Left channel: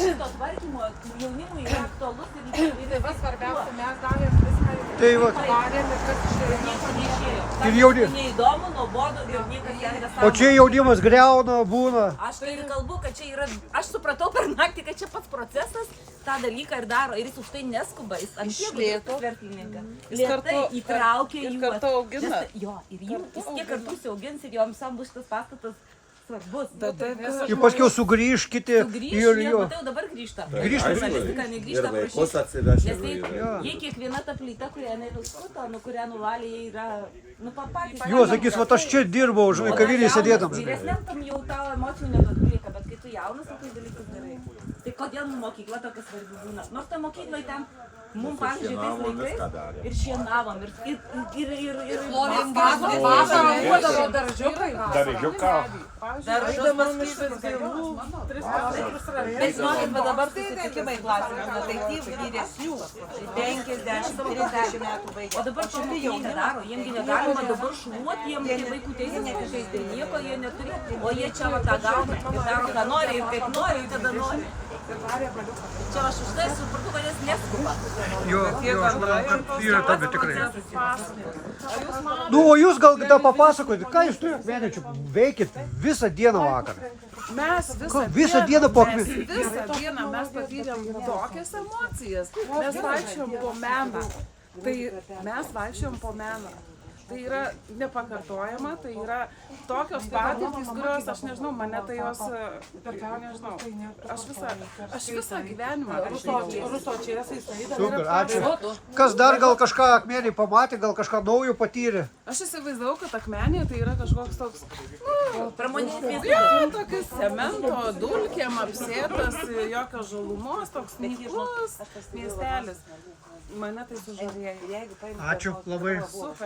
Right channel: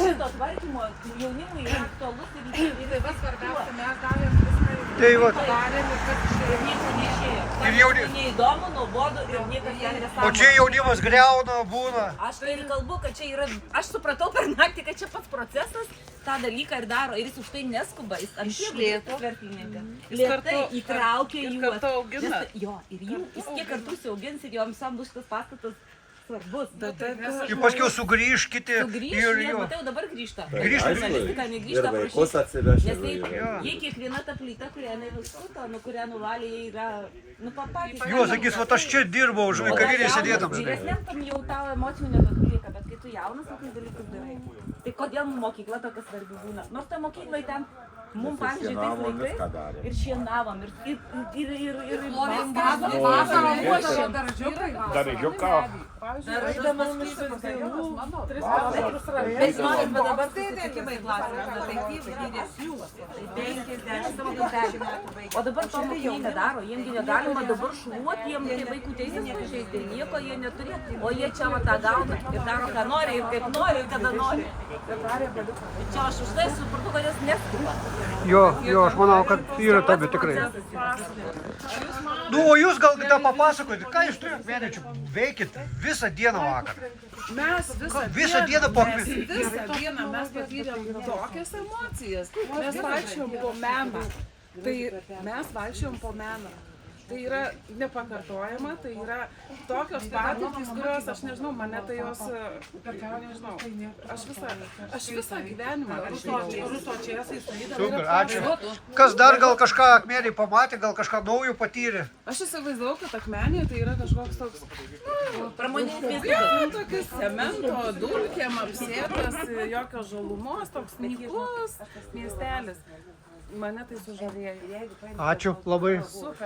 šito tvarkymo jaunimui yra aktualus ir Vis svarbiausia, mes davėm viską Tai va. padarėm ir kas iš ir nieko neišėjo. Ir jauni- Neįdomu, nuobodu ir niekas ten nesąmonė. O čia jaunimas greuna, būna. Aš tai ir kalbu, kad čia yra, aš supratau per naktį, kad čia pats procesas tą dalyką ir daro ir jis už tai neskuba, jis ant tiek lėto verslininkas. Lėtai įtraukia juos. Nes- Jo, ir jis kiek kartų siaugins ir joms sam bus tas pastatas svarbus. Ir paskui sugrįžkite Sugrįš, ir jie, jo. matai, jau dabar grįžta. Grįžta. Žurnalistika negrįžta Ir vaikus prašyti. atsivežti. Nes taip, vaikai. jie kiekviena ta plyta, kurią jinai nuskuto, nu kurią nuvalė, jie yra, nu papatys. Jo, sakys, va aš čia dirbau, už kavinį sėdėdam. žinai. Vyresniam tam jau tau emocijų nebetokių lieka, bet kai tu jaunas, tai dalykus darai. Tai kodėl mokykla tokia svarbi būna? Nors ta mokykla ten, mums pavyzdžiui, tais šienavom, laikais viską darėm. ir šienavom, ir mes Bet žinokit, bet dabar susitikimai klasėje, tai taip vyresnių, 50 metų. O dabar to mokiniai nedaro, jiems negalima dabar šluoti, jiems tai vaikų teisės pažeisti, nieko jie neturi, o jie čia va tą gauna ir daro ką nori ir kaip nori, ir kada nori. Čia aš už tai supratau, kad jis neskuba. Jo, aš manau, kad yra tada tikrai. Nu, o jūs gal tą papasakoti, ką jūs turite mėnesių veikit visą dieną vakar? Mes Visą dieną po akmis. Visą dieną mes patyrėm tokias emocijas. Mes vaikščiom po meną. Tai mes vaikščiom po meną. Tai yra nepakartojama, tai yra tokios patirtys, kurios, aš nežinau, mane tai jos, nežinau, aš visą gyvenimą Super, ačiū. Kas dar gal kažką akmenį pamatė, gal kažką naujo patyrė? Aš įsivaizdavau, kad akmenė tai yra kažkoks toks, Pramoninis tokias cemento dulkėm apsėtas, jokios žalumos, toks nyklus miestelis. Mane tai sužavėjo. Ačiū labai.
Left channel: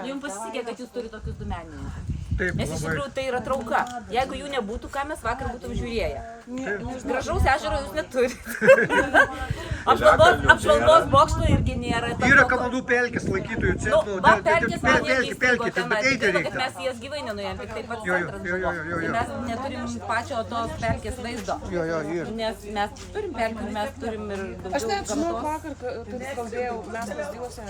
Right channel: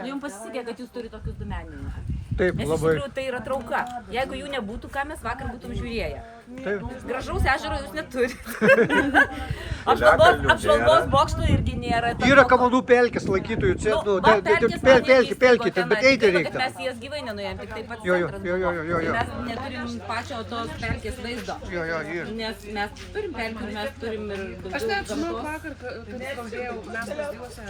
Jums pasisekė, kad jūs turite tokius du menininkus. Taip, Nes iš labai. tikrųjų tai yra trauka. Jeigu jų nebūtų, ką mes vakar būtum žiūrėję. Gražaus ežero jūs neturite. Apžvalgos bokšto irgi nėra. Yra Kamanų pelkės lankytojų centrų. Va, pelkės man irgi įstrigo Pelkės, tenai. bet Tik eiti gaila, kad reikia. mes į jas gyvai nenuėjom, tik tai pats Jo, centras jo, jo, jo, jo. buvo. Tai mes neturim pačio tos pelkės vaizdo. Jo, yra. Nes mes turim pelkių ir mes turim ir Aš daugiau net žinau, gamtos. vakar, kaip kalbėjau, mes lazdijuose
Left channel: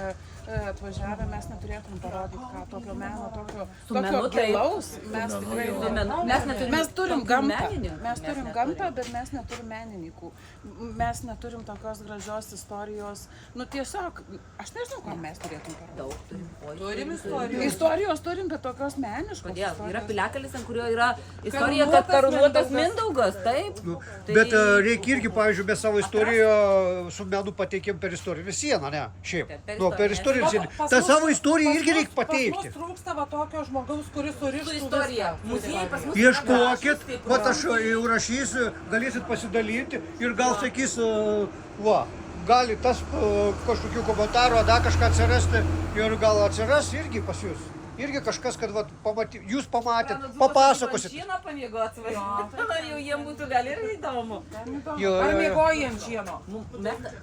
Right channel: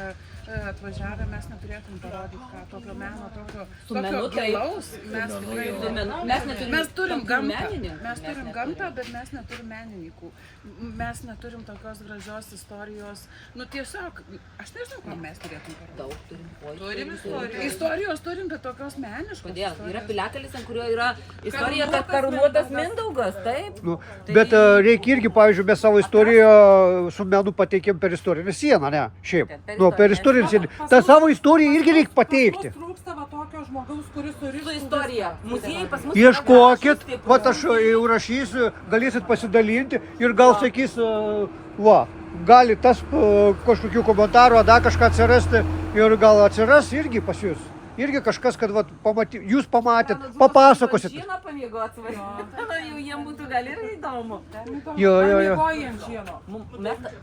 atvažiavę, mes neturėtum parodyti, ką tokio meno, tokio menu tai- gilaus. Mes tikrai Su menu. Mes neturim Mes turim tokių gamtą, menininkų. mes turim gamtą, bet mes neturim menininkų. Mes neturim tokios gražios istorijos. Nu tiesiog, aš nežinau, ką mes turėtum parodyti. Daug turim. Oi, Turim istorijos, turim, bet tokios meniškos. Kodėl? Yra istorijos. piliakalnis, ant kurio yra istorija, kad karūnuotas Mindaugas, taip? Nu, Tai- bet reikia irgi, pavyzdžiui, mes savo istoriją su menu pateikėm per istorinę sieną, ne? Šiaip. Nu, per istorinę sieną. Ta savo istoriją irgi reikia pateikti. Trūksta va tokio žmogaus, kuris Su surištų istorija. Muziejai pas mus. Ieškokit, yra va aš jau rašysiu, galėsit pasidalinti ir gal sakys, va, gali tas kažkokių komentarų, dar kažką atsirasti ir gal atsiras irgi pas jūs. Irgi kažkas, kad va, jūs pamatėt, papasakosit. Žino pamėgo atsvaryti. Jau jiems būtų gal ir įdomu. Jo. Miegoji ant šieno.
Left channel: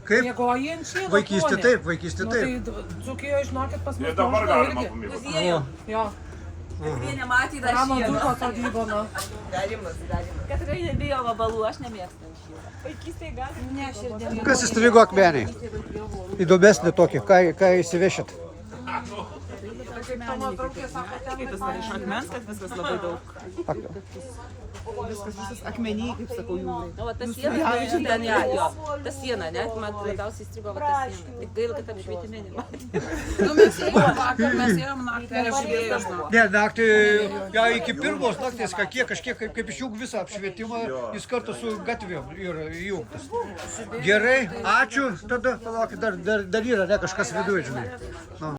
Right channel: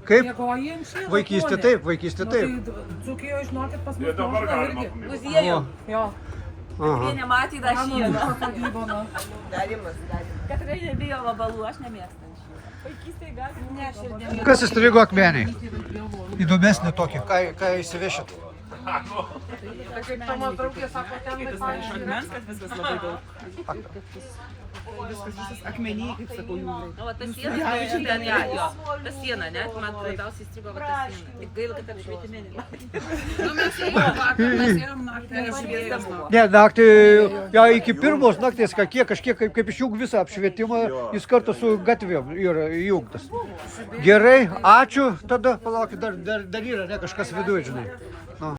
Kaip? Miegoji ant šieno. Vaikystė taip, vaikystė taip. Dzūkijoje, žinokit, pas mus Dabar moka galima irgi. pamėgti. Muziejų. Jo, Jie nematė dar mano šieno. dzūko sodyba, nu. Kad tikrai nebijo vabalų, aš nemėgstu ant šieno. Vaikystėje gal. Kas įstrigo akmeniai? Įdomesnė tokia, ką įsivešit? Tomo draugė sako, ten Iš akmens, kad viskas labai daug. Viskas akmeniai, kaip sakau, jūrai. Nu, va, ta siena, ten jo. Ta siena, ne? Man labiausiai įstrigo va ta siena. Tik gaila, kad apšvietime nematė. Nu, mes ėjom vakar, mes ėjom naktį, apžiūrėjom. Ne, naktį, ja, iki pirmos nakties, kažkiek kaip išjung visą apšvietimą, jis kartu su gatvėm yra įjungtas. Gerai, ačiū, tada palaukit, dar yra, ne, kažkas viduje, žinai. Nu.